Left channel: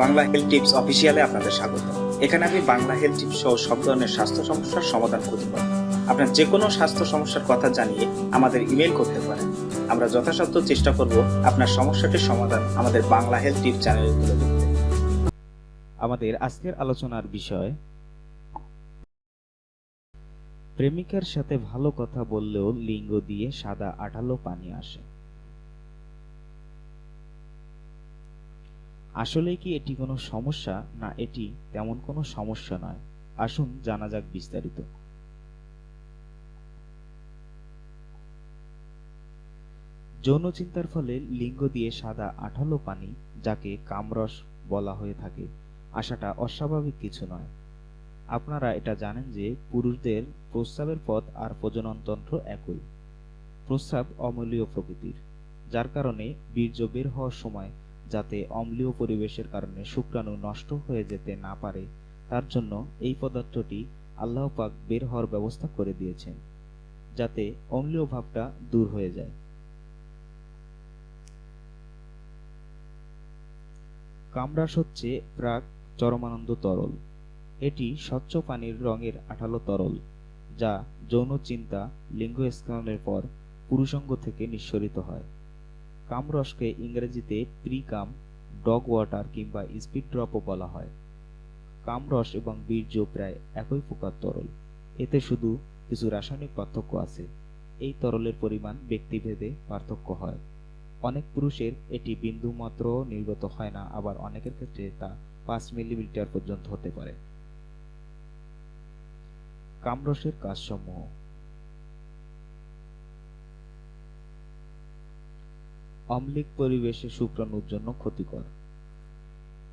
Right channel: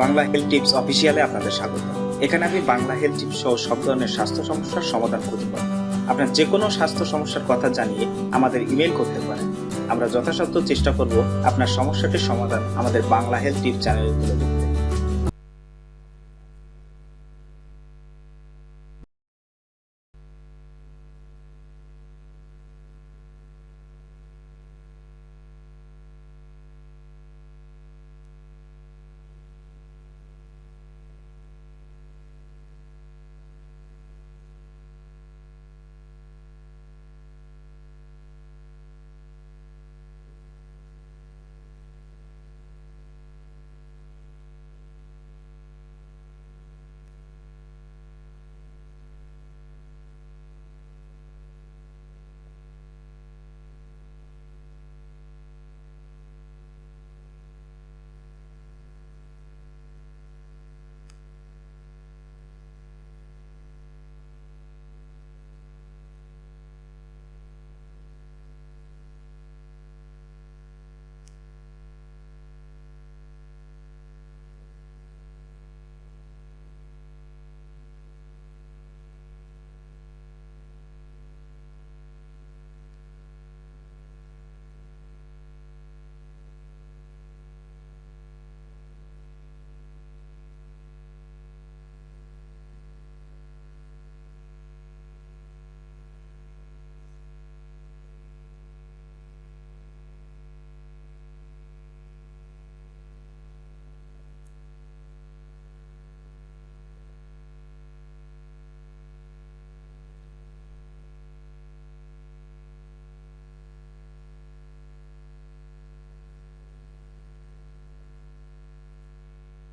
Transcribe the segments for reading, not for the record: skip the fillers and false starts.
Bangla health tips অফিসিয়ালে আপনাদের স্বাগত। এখানে আমি বাংলা হেলথ টিপস সহ সব ধরনের স্বাস্থ্য সমস্যার সমাধান খুঁজে পাই। আপনার যে কোনো স্বাস্থ্য সমস্যার কথা জানিয়ে আমাদের ইমেল করতে পারেন। আমরা যথাসাধ্য চেষ্টা করব আপনার সমস্যাটির সমাধান আমাদের বাংলা হেলথ টিপস চ্যানেলে তুলে ধরতে। আমাদের আজকের আলোচনার বিষয়, প্রেমিকার সাথে ভালো কথা বললেও লিঙ্গ দিয়ে সাদা আঠালো পানি আসে। আসলে কি এটি কোনো সমস্যা, না এটি তেমন কোনো সমস্যা নয়? আসুন জানা যাক বিস্তারিত। যৌন চিন্তার ফলে লিঙ্গ দিয়ে সাদা আঠালো পানি, যাকে কামরস বলা হয়ে থাকে, আসাটা অস্বাভাবিক কিছু নয়। আপনারা এটা জানেন যে পুরুষদের প্রস্রাবের পথ আর প্রজননতন্ত্র একই। প্রস্রাব অম্লীয় প্রকৃতির, যার কারণে বীর্য বের হওয়ার সময় যাতে অম্লীয় পরিবেশের কারণে শুক্রাণু নষ্ট হয়ে যেতে না পারে, তার জন্য এই পদার্থটি আল্লাহ পাক বের হওয়ার ব্যবস্থা করে দিয়েছেন, যাতে অম্লীয় ভাবটা দূর হয়ে যায়। কামরাস হচ্ছে প্রাক চরমানন্দ তরল। এটি স্বচ্ছ পানির রঙের আঠালো তরল, যা যৌন চিন্তা, লিঙ্গ স্খলনের পর পুরুষাঙ্গ থেকে নিঃসরিত হয়। কামরসকে ইংরেজিতে প্রি-কাম, ডগ ওয়াটার কিংবা স্পিড ড্রপও বলা হয়। কামরস এবং বীর্য প্রায় একই প্রকার তরল, এতে শুধু কিছু রাসায়নিক পার্থক্য আছে। এই তরলের পরিমাণ ব্যক্তিভেদে পার্থক্য হয়। অনেক পুরুষের এটি বিন্দু মাত্র নির্গত হয় না, আবার অনেকের ক্ষেত্রে তা 5 মিলিমিটার পর্যন্ত হতে পারে। কামরসের কাজসমূহ: অম্লিক পরিবেশে শুক্রাণুর জন্য ক্ষতিকর।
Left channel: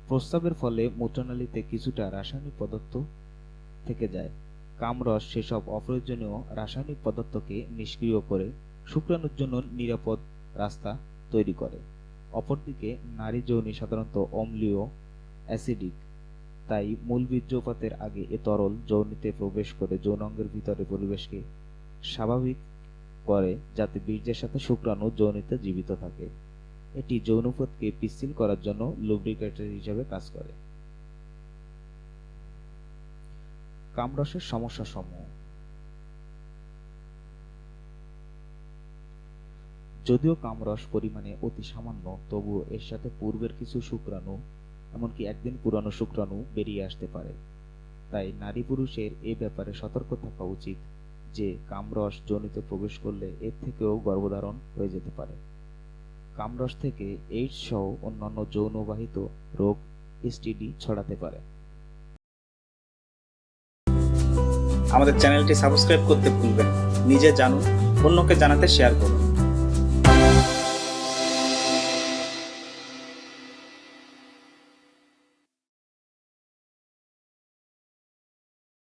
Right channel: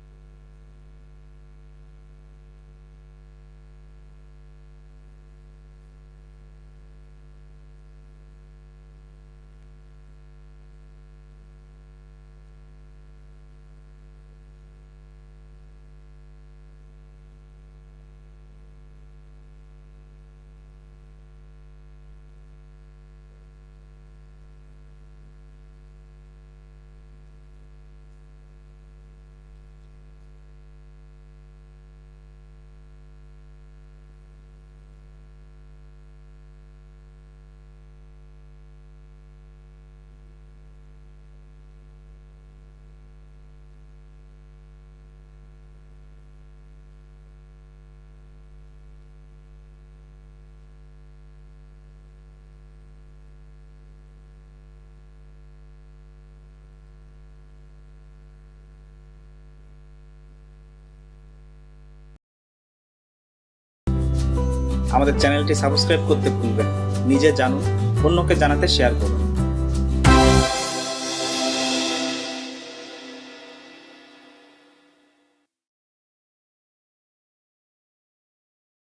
প্রস্রাবের ফলে মূত্রনালীতে কিছুটা রাসায়নিক পদার্থ থেকে যায়। কামরস সেসব অপ্রয়োজনীয় রাসায়নিক পদার্থকে নিষ্ক্রিয় করে শুক্রাণুর জন্য নিরাপদ রাস্তা তৈরি করে। অপরদিকে নারী যোনি সাধারণত অম্লীয়, অ্যাসিডিক, তাই মূল বীর্যপাতের আগে এ তরল যোনিতে প্রবেশ করে যৌনাঙ্গের ভিতরে পরিবেশকে স্বাভাবিক করে, যাতে বীর্যের সাথে শুক্রাণু যোনিতে জীবিত থাকে। এটি যৌনপথকে পিচ্ছিল করার জন্য লুব্রিকেটর হিসেবে কাজ করে। কামরসের সমস্যাসমূহ: যদিও কামরস পরিমাণে অতি সামান্য, তবুও এর সাথে পূর্বের কিছু শুক্রাণু, এমনকি একদিন পুরানো শুক্রাণু বেরিয়ে আসতে পারে। তাই নারী পুরুষের এ ব্যাপারে সতর্ক থাকা উচিত যে কামরস যোনিতে প্রবেশ করলে এর থেকেও গর্ভধারণ হয়ে যেতে পারে। কামরস থেকে এইডস সহ অন্যান্য যৌনবাহিত রোগ, এসটিডি ছড়াতে পারে। আমাদের চ্যানেলটি সাবস্ক্রাইব করতে ভুলবেন না। নিজে জানুন, অন্যকে জানাতে শেয়ার করুন।